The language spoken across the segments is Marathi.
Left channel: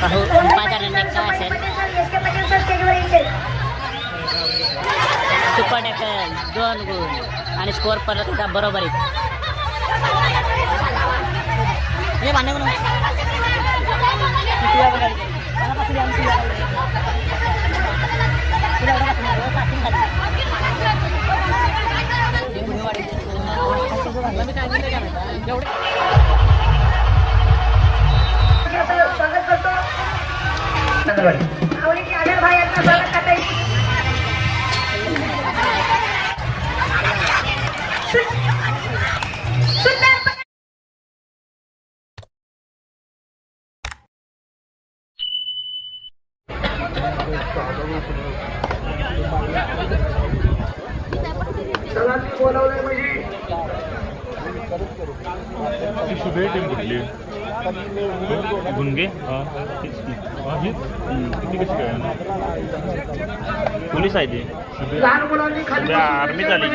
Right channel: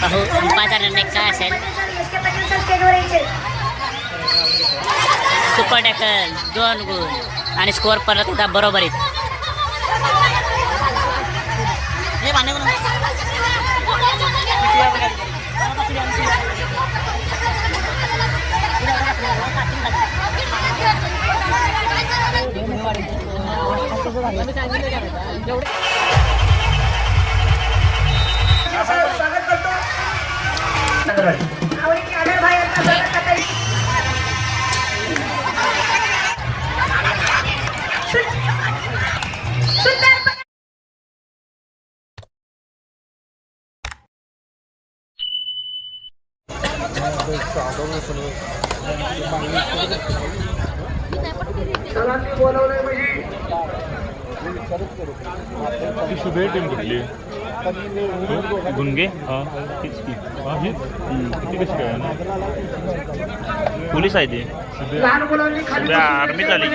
पाहू अंपाचा निर्णय काय असेल. सुपर टॅकल 2 गुण आणि स्कोअर परत एकदा बरोबरीत. शुभे टीम कुठली गुणगे किती कशी काय पोलीस आहे ते शुभे आर्मी झाली.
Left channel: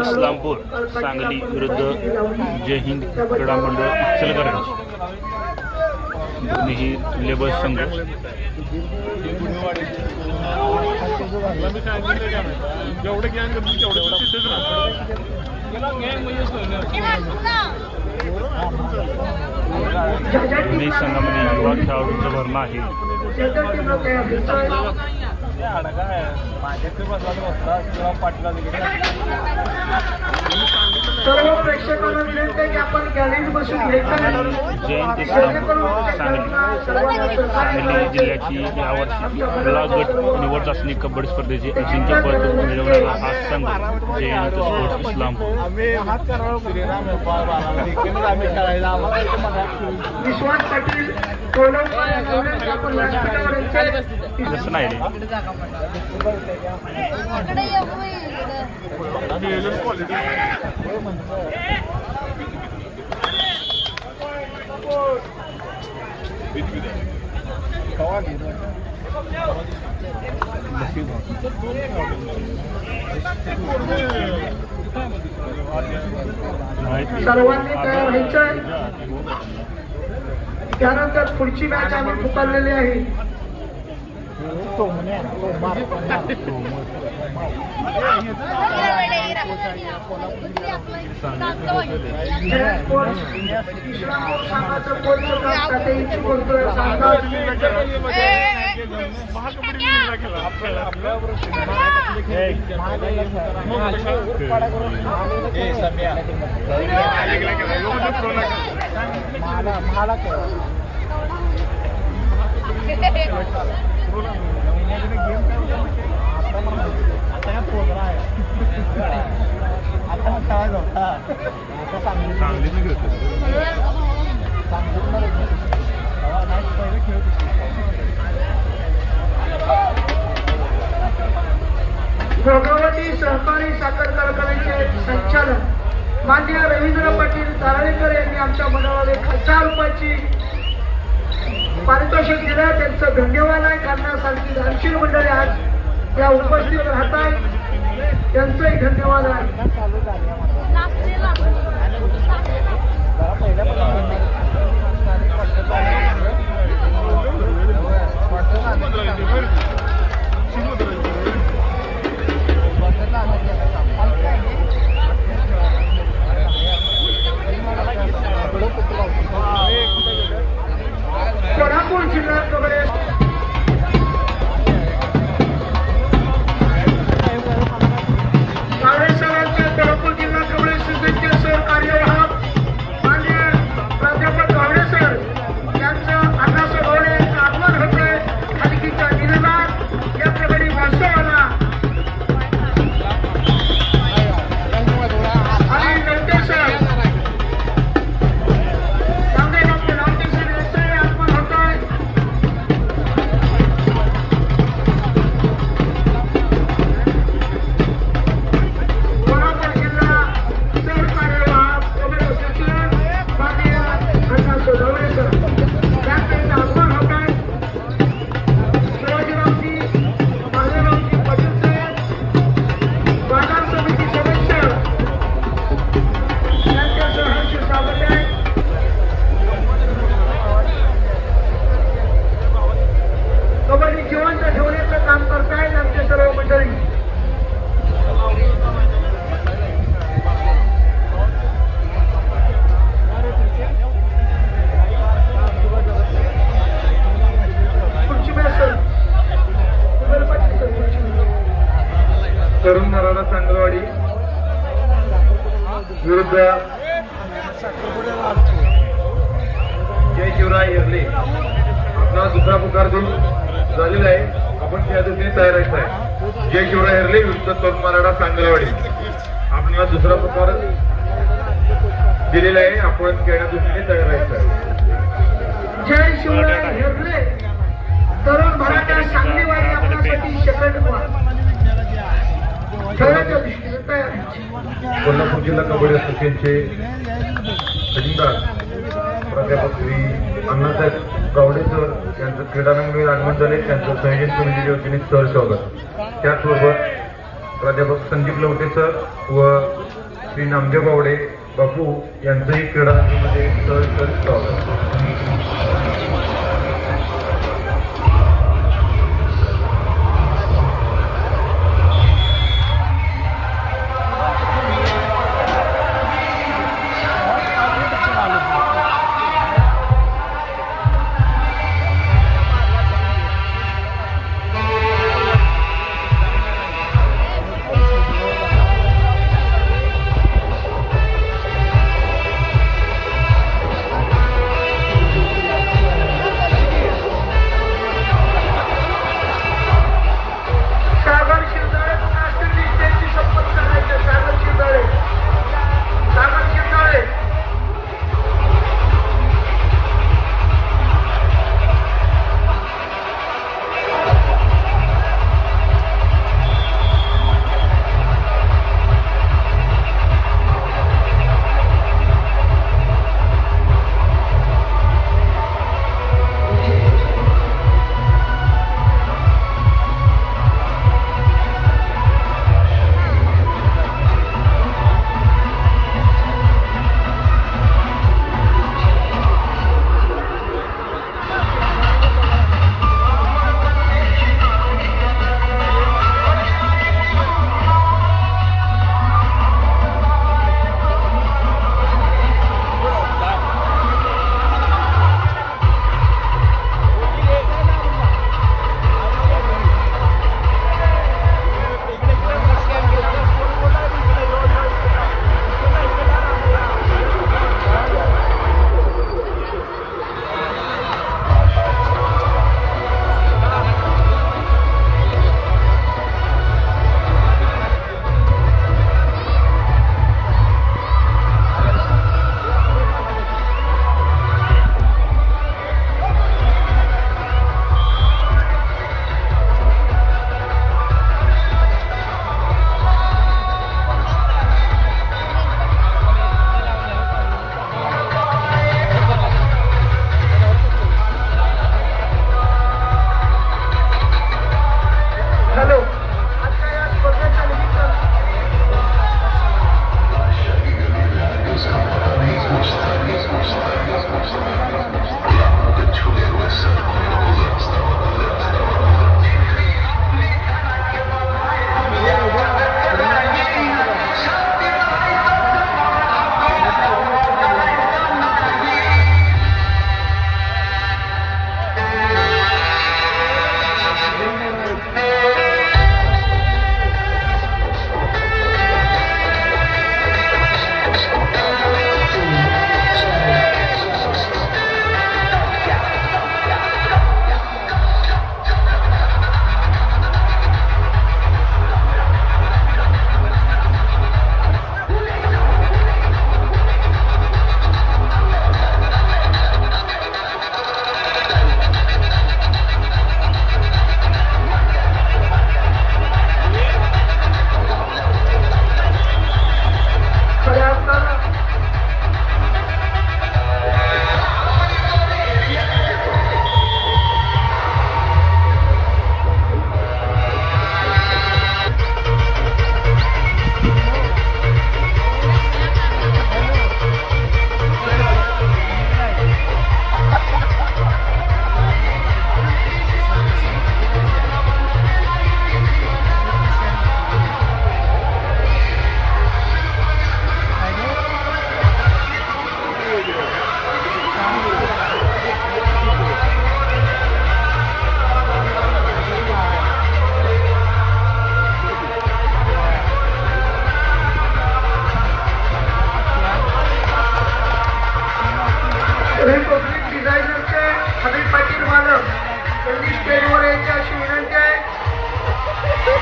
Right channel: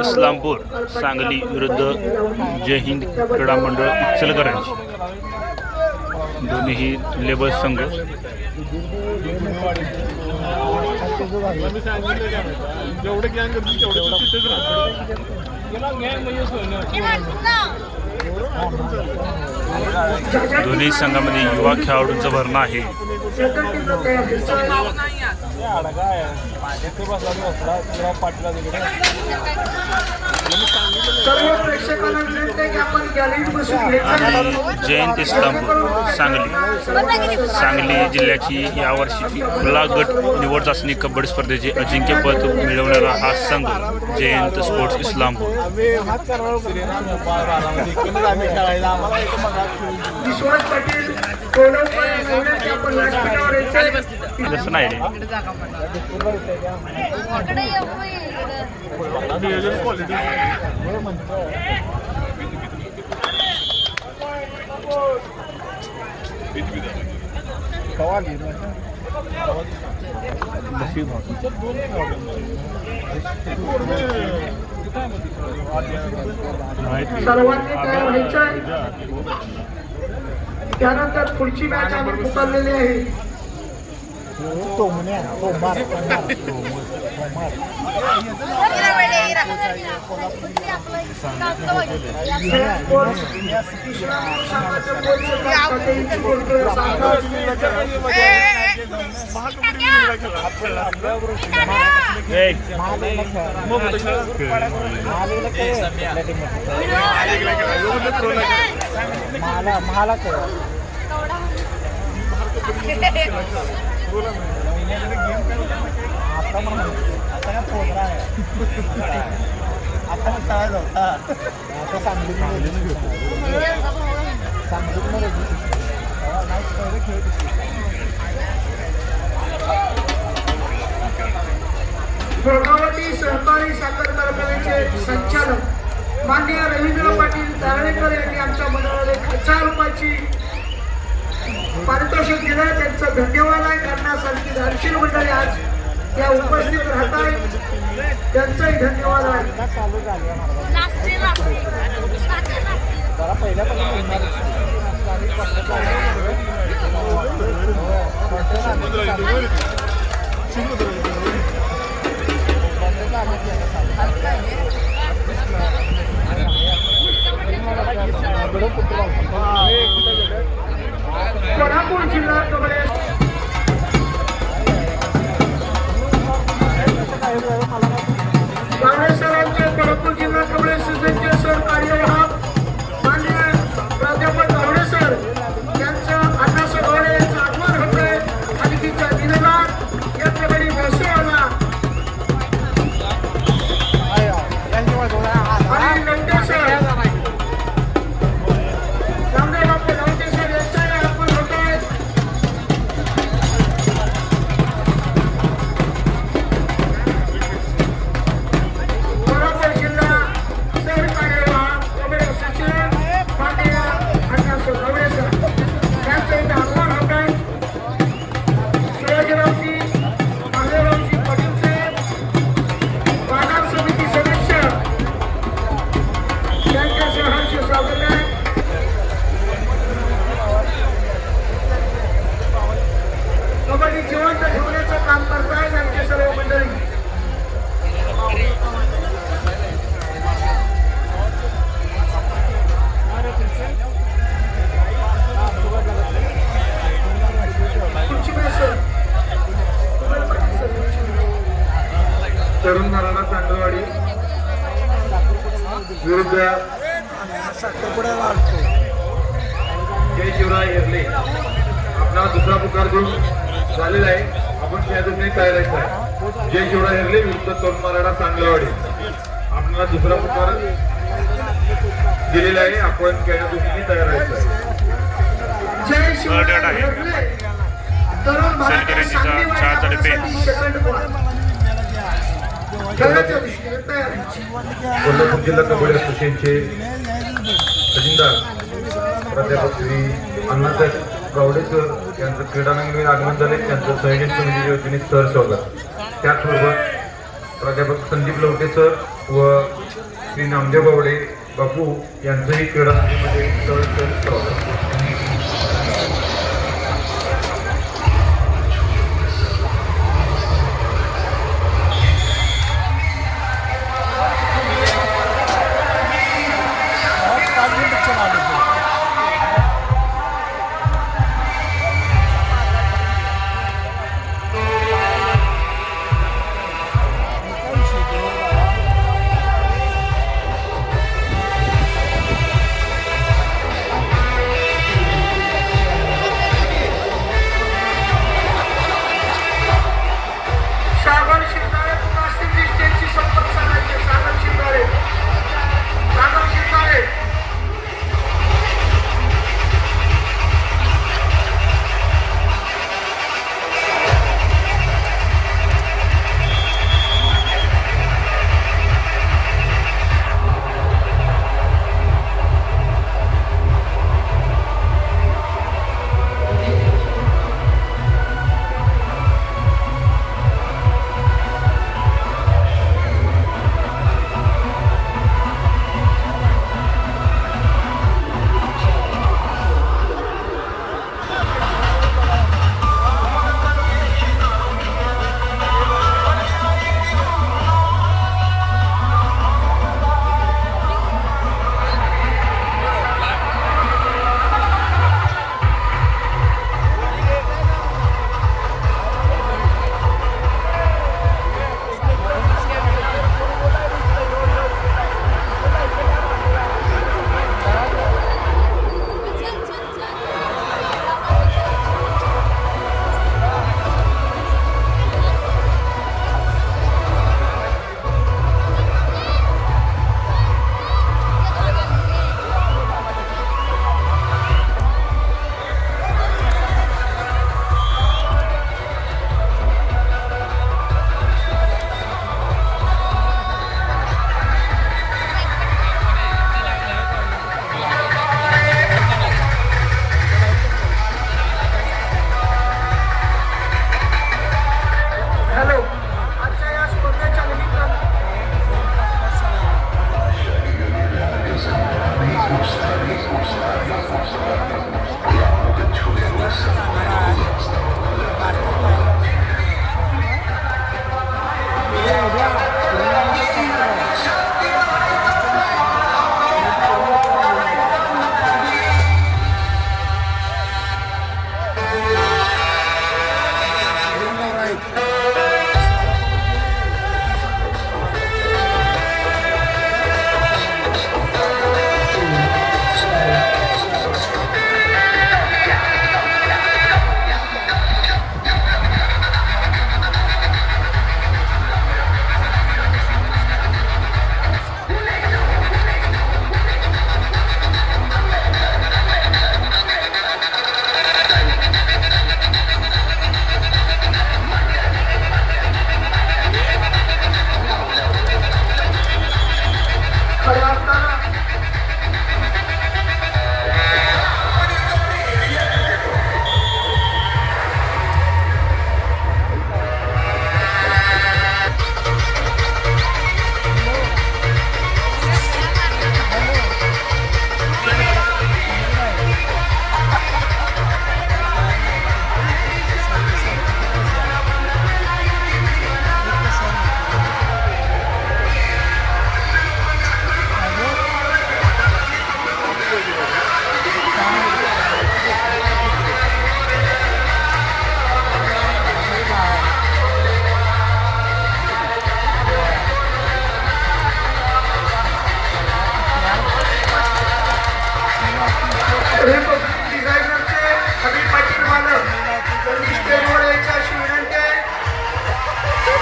इस्लामपूर सांगली विरुद्ध जय हिंद क्रीडा मंडळ इचलकरंजी दोन्ही लेबर संघ. दोन्ही संघामध्ये युवा खेळाडूंचं भरणं आहे. आणि जयंत इस्लामपूर सांगली जिल्ह्याची यावर्षीची खुला गट निवड चाचणी कबड्डी स्पर्धेचे अजिंक्यपद मिळवणारा हा संघ जयंत स्पोर्ट्स इस्लामपूर. तसं नाही रे सर्वांनी तयार व्हायचं. त्यानंतर पुढची मॅच आम्ही पुकारलेली आहे. भोगावती सहकारी साखर कारखान्याचे संचालक माननीय रवींद्र पाटील दारणेकर यांनी आमच्या मनामध्ये 1000 रुपयाची पारितोषिक दिलं. त्यांचं धन्यवाद आहे. करण्यासाठी दानशील मंडळी आज त्या उपस्थित राहत आहेत. त्यांचंही धन्यवाद आहे. या प्रकारे भाषण तरुण मराठा चांगलवाडी विरुद्ध जय शिवराय हेरले. आपल्याला दुसरा पुकार देऊन झालेला आहे. आपण त्या दृष्टीने तयारायचं आहे. जय शिवराय हेरले विरुद्ध तरुण मराठा चांगलवाडी. आपल्याला दुसरा पुकार दिलेला आहे. आपण त्या दृष्टीने तयारायचं आहे. जय शिवराय आहे. हेरले तरुण मराठा सेलकरंजीचा चांगलेवाडी चहा तडे पेन. आपल्यासाठी सेकंड पुकार. खेळाच्या दृष्टीने तयारी. कोल्हापूर जिल्हा कबड्डी असोसिएशनचे खजिनदार प्राध्यापक श्री अण्णासाहेब गावडे सर यांचं क्रीडांगण आगमन झाले. त्यांचं संयोजन समितीच्या वतीने सर स्वागत. त्याचबरोबर प्राध्यापक संदीप लवटे सर व श्री नामदेव गावडे बापू यांचंही क्रीडांगणामध्ये सर स्वागत.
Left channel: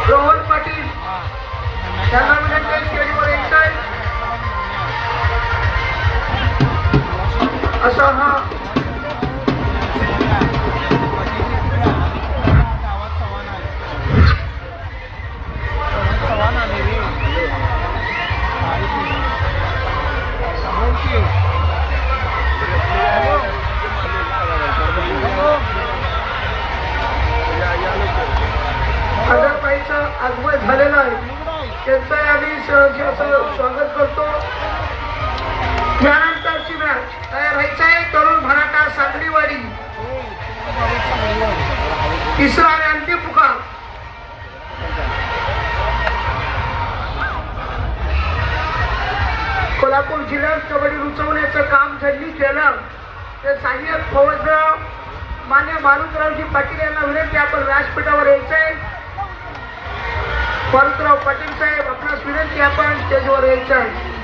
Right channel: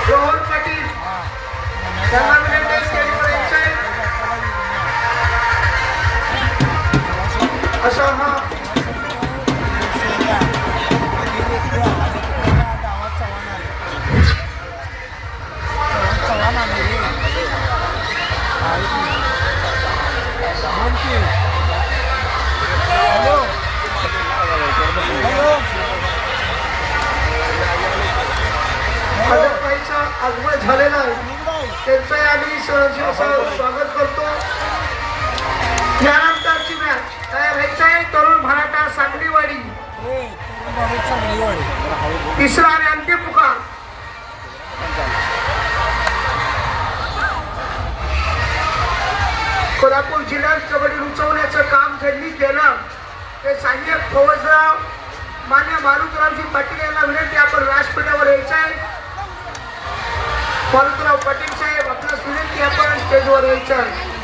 प्रमोद पाटील त्यांना विनंती स्टेजवर यायचं आहे. असा हा आदरबाईचं आगमन झालेलं आहे. त्यांचं आम्ही सहर्ष असं स्वागत करतो. यानंतरची मॅच तयार व्हायचं आहे. तरुण मराठा सांगलीवाडी तिसरा आणि अंतिम पुकार. कोल्हापूर जिल्ह्यात कबड्डी उंचवण्याचं काम ज्यांनी केलं ते सहाय्यक फौजराव मान्य मारुतरावजी पाटील यांना विनंती आपण व्यासपीठावर यायचं आहे. मारुतराव पाटील साहेब आपल्यास विनंती आपण स्टेजवर यायचं आहे.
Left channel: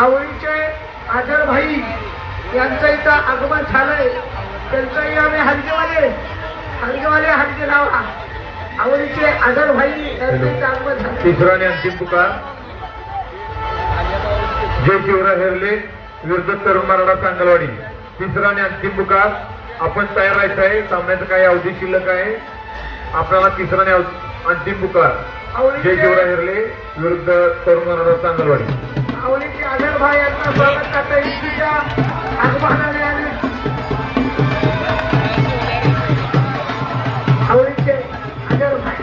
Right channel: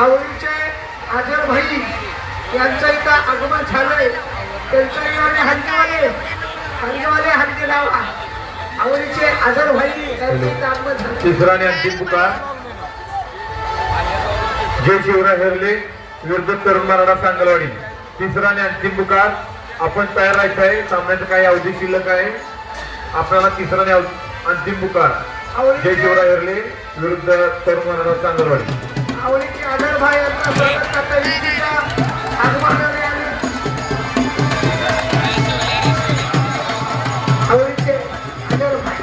आवडीचे आजर भाई यांचं इथं आगमन झालंय. त्यांचंही आणि हंगेवाले हंगे लावा. आवडीचे आजर भाई यांचं इथं आगमन झालंय. तिसरा आणि अंतिम पुकार जय शिवराय हेरले विरुद्ध तरुण मराठा सांगलवाडी. तिसरा आणि अंतिम पुकार. आपण तयार राहायचं आहे. सामन्याचं काही अवधी शिल्लक आहे. आपल्याला तिसरा आणि अंतिम पुकार जय शिवराय हेरले विरुद्ध तरुण मराठा सांगलवाडी. आवडीचे आजर भाई यांचा स्वागत करता युतीच्या आगमनाने आले. आवडीचे आजर भाई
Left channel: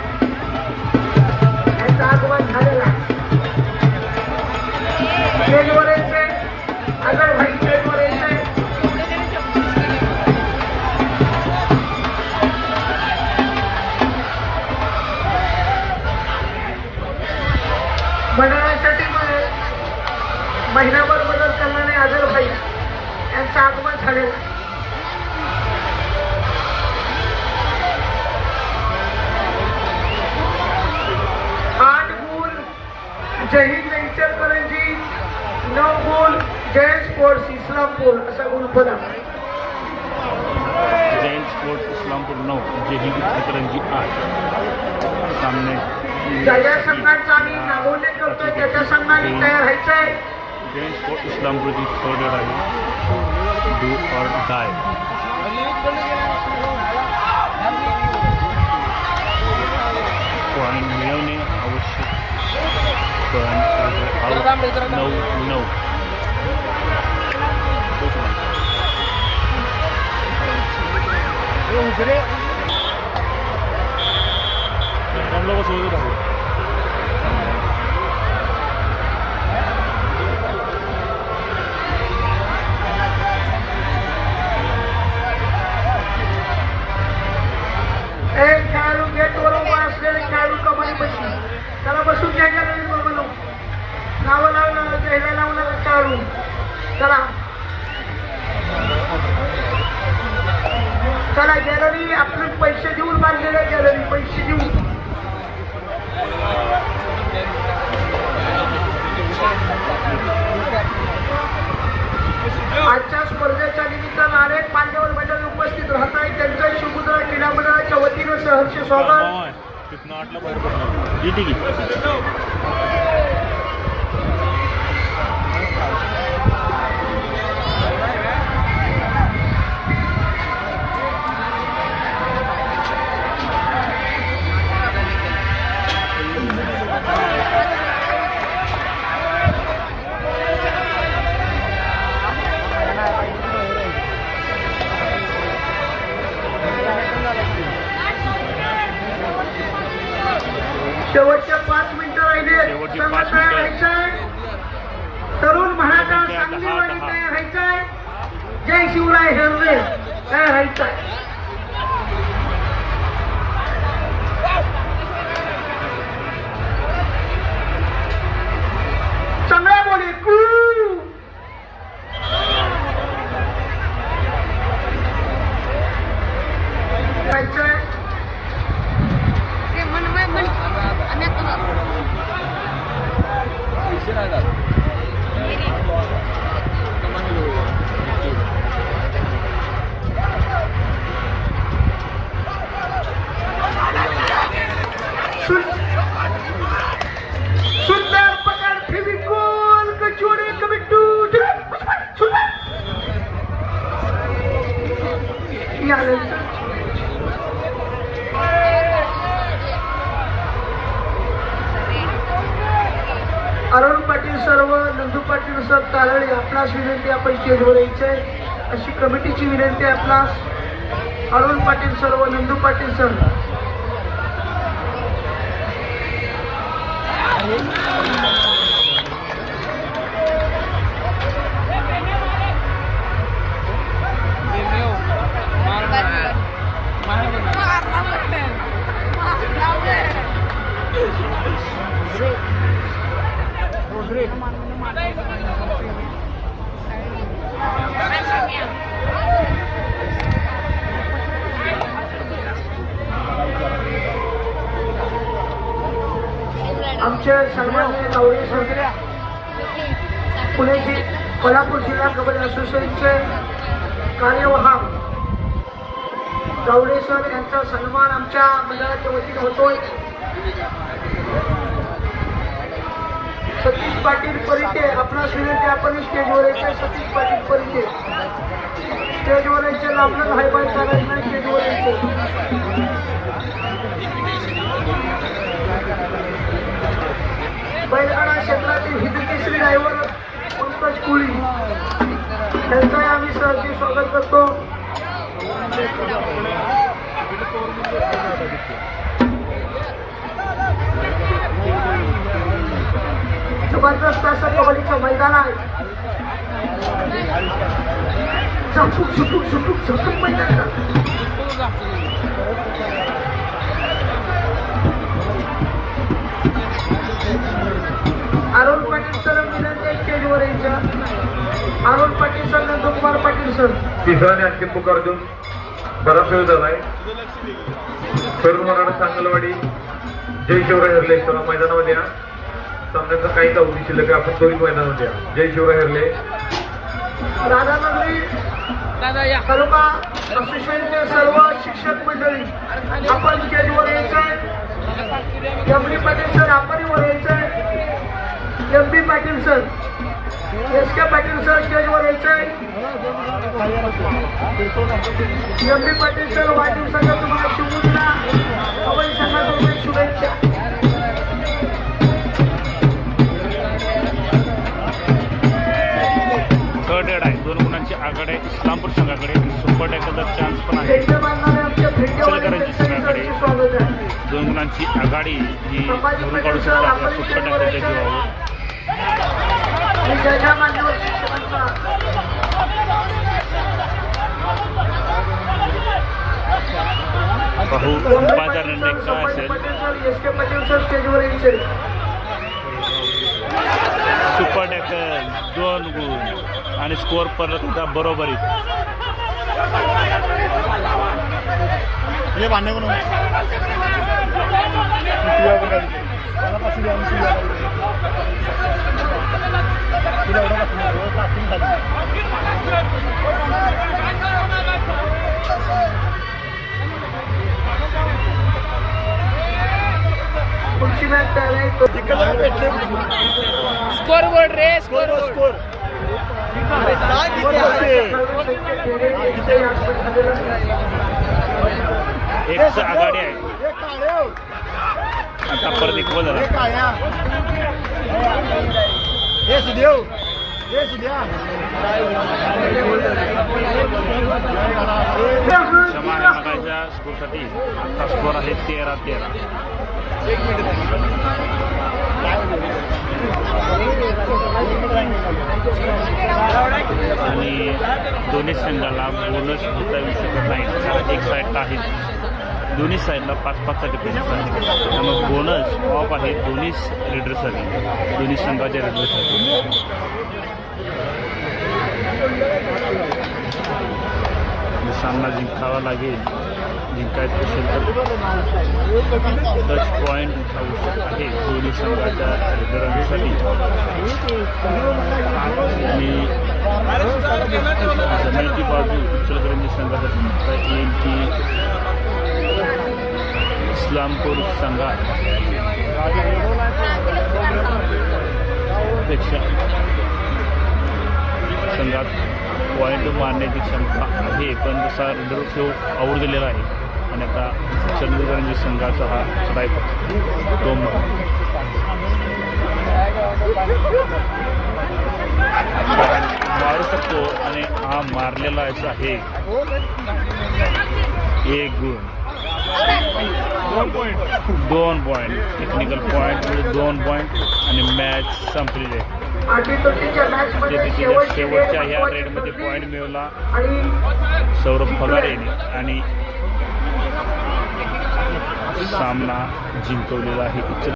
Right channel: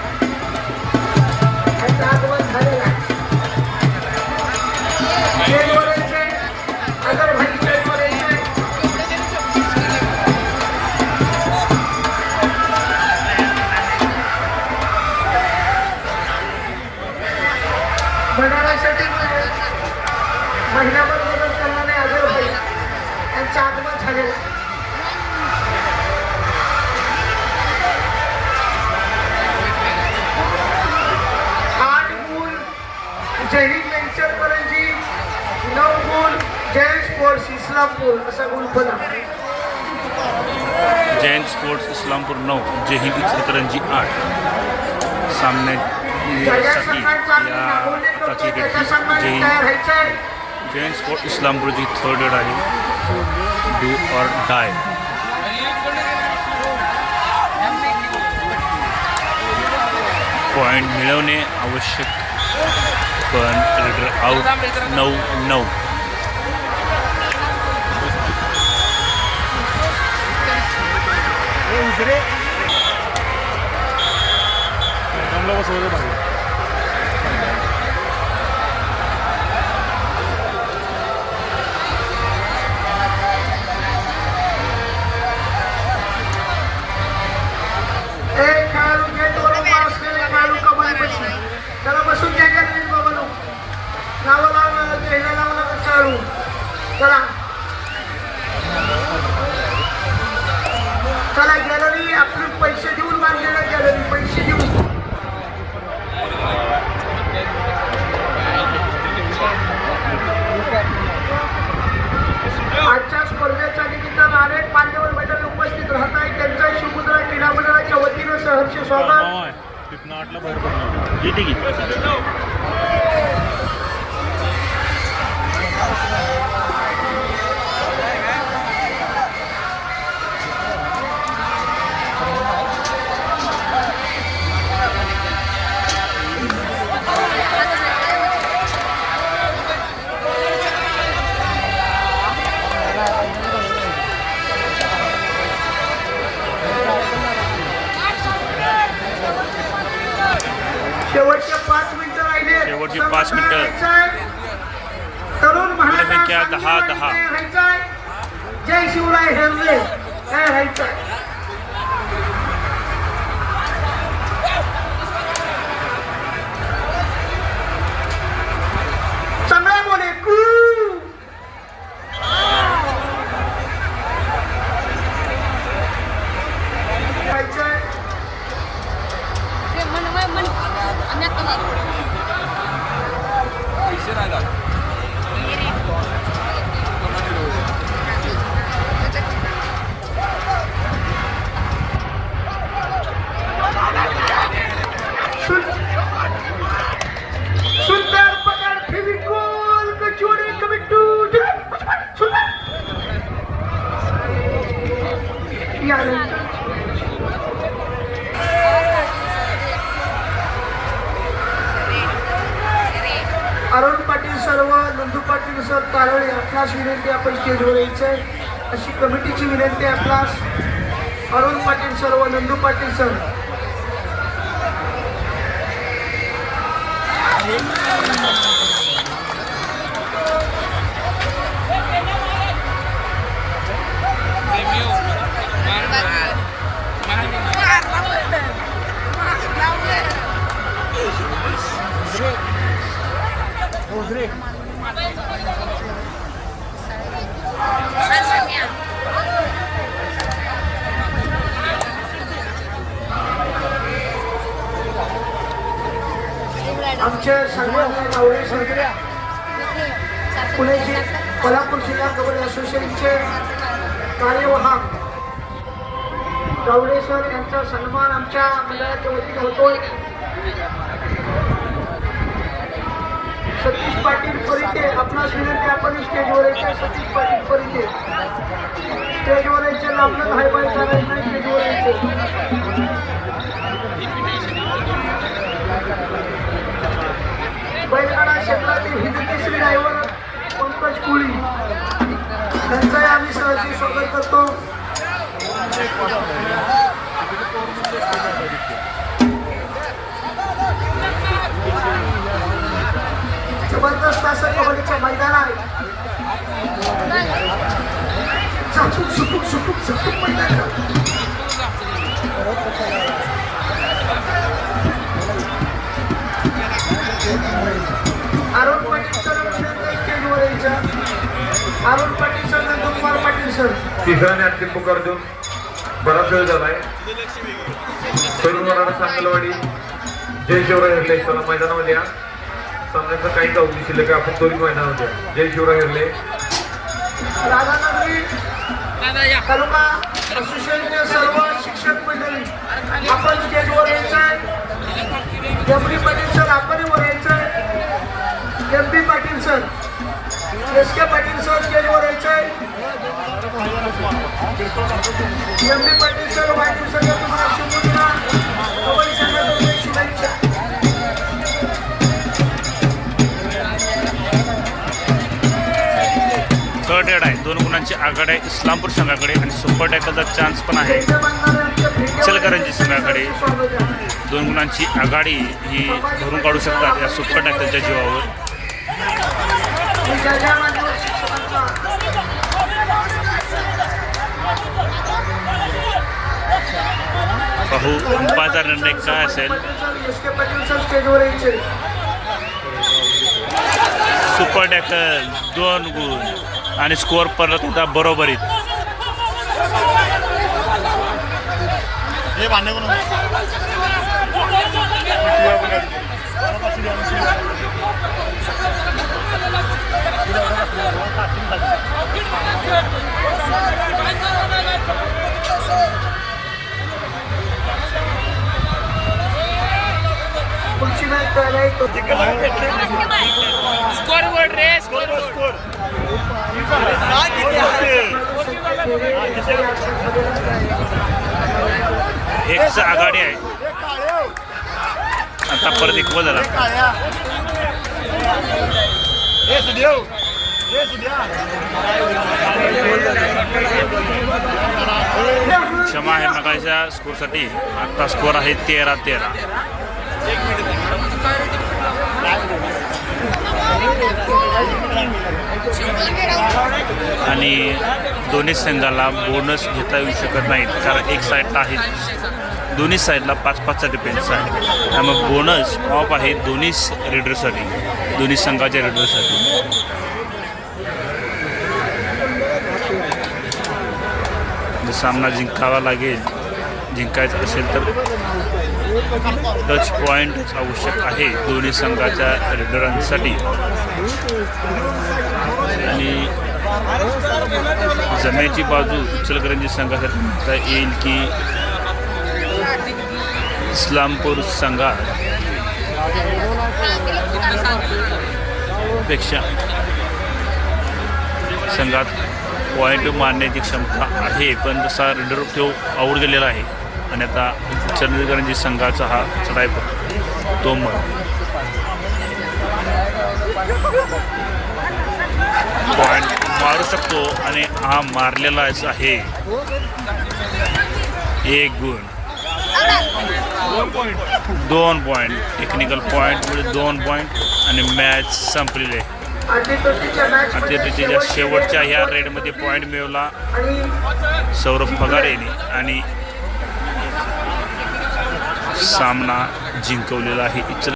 यांचं आगमन झालेलं आहे. स्टेजवर यायचे आजर भाई स्टेजवर यायचे. मंडळासाठी महिन्याभर मदत करणारे आजर भाई यांचं आगमन झालेलं. आठ गुण जय हिंद इचलकरंजी, 9 गुण जय स्पोर्ट्स इस्लामपूर असा गुणफलक. जैन स्पोर्ट्स इस्लामपूर 9, जय हिंद इचलकरंजी 8. ज्या संघांचा आम्ही नावोल्लेख करतो त्याच्या संघाने तयार व्हायचं आहे. जैन स्पोर्ट इस्लामपूरची थर्ड एड आहे. Do or die. पॉईंट मिळवणे आवश्यक पण रेडर आउट 9-9. खेळाडू गेटवर उभा असलेले खेळाडू कबड्डी बसले. त्याला बसून घ्यायच्या नाही बाबा. नावं लावलं चेहरा लावला खेळाडू. चला चला गॅलरी आपण पैसे देऊन बांधलेलं. गॅलरी पैसे देऊन आजच्या स्पर्धेच्या निमित्तानं अनेक मान्यवर मंडळी उपस्थित राहत आहेत. त्यांचं शिवमुद्रा क्रीडा मंडळाच्या वतीनं सहर्ष स्वागत. शेवटचे 5 मिनिटं राहिले. शेवटचे 5 मिनिटं. तरुण संख्या महाराष्ट्र 10-10. जय शिवराय हेरले काय राहायचं. चांगला बोले अरुण पाटील सर व नंदू पाटील सर तारळे आपणास विनंती आपण स्टेजवर यायचंय अशी कमिटीची विनंती आहे आपणास. अरुण पाटील सर व नंदू पाटील सर. आमच्या सन्माननीय गावडे सर पुण्याची कोल्हापूर जिल्हा कबड्डी असोसिएशनचे कार्यवाहक गावडे सर यांचा सन्मान आमच्या मंडळाच्या वतीने होतोय. सतीश पाटील परिते आपणास विनंती आपण स्टेजवर यायचे. सतीश पाटील परिते स्टेजवर यायचे. आपलं भाईबाई सांगायचं स्टेजवर यायचे. बैलगाडा क्षेत्रातील हिंदू श्री ड्रायव्हर पंकज कुळी त्यांचंही आम्ही सहजी स्वागत करतो. जबरदस्त असं कबड्डीचे मैदान आहे. झटूक मैदान. अरुण पाटील सर विनंती स्टेजवर यायचं. Arun Patil sir Nandkumar Patil sir. तिसरा आणि अंतिम पुकार देऊन बराच वेळ झालाय. तरुण मराठा सांगलवाडी जय शिवराय हरले सर मैदानामध्ये या. सामन्याचा काही काउंटी शिल्लक आहे. आपण त्वरित मैदानामध्ये या. जय शिवराय हरले. राधानगरी तालुका असोसिएशनचे सर्व शिक्षक मंडळी आपण स्टेजवर यायचंय. एम.डी. पाटील सर आपण वर यायचंय. MP. Patil sir SK. Patil sir स्टेजवर यायचंय. MD. Patil sir Patil sir तुम्हाला शुभेच्छा. कबड्डी संघातर्फे शुभेच्छा. थर्ड एड आहे. 2 गुणांची आघाडी आहे इस्लामपूर संघाकडे आणि सुपर टॅकलचा चान्स पण आहे इचलकरंजी संघाकडे. 2 गुणांची आघाडी ही भरून काढू शकतात या सुपर टॅकलच्या जीवावर. पाहू अंपायरचा निर्णय काय असेल. सुपर टॅकल 2 गुण आणि स्कोअर परत होता बरोबरीत. स्कोरबोर्ड रे स्कोरबोर्ड. एकच आघाडी आहे. आता परत एक झाला. क्षमा आहे मगाच्या स्कोरसाठी. आता स्कोर आहे 13-13. आणि दोन्ही संघाला बोनस घेता येऊ शकत नाहीत कारण एक साईडला आहे. दोन्ही साईडला 5-5चा डिफेन्स आहे. त्यामुळे बोनस ऑफ आहे दोन्ही रेडरसाठी, दोन्ही संघाच्या रेडरसाठी. सामना जिंकावा लागेल. जिंकायचं असेल तर टच पॉईंट आवश्यक आहे दोन्ही संघाच्या रेडरांसाठी. आणि जमेची बाजू इचलकरंजी संघासाठी म्हणता येईल की इस्लामपूर संघात पेक्षा संघात पॉईंट मारण्याची क्षमता आहे, पण तसा रेडर तो आऊट गेलेला आहे. आणि आता इचलकरंजी संघाचा हा चढाई पडतो तो मग हा मारलेला आहे 1 गुण 2 पॉईंट टेक्निकल पॉईंट म्हणजे 2 पॉईंट आणि मॅच संपलेली आहे. अतिथीच्या शेवटच्या ह्या रेडमध्ये पॉईंट मिळवला सौरभ फगारे यांनी आणि सामना जिंकवलेला आहे.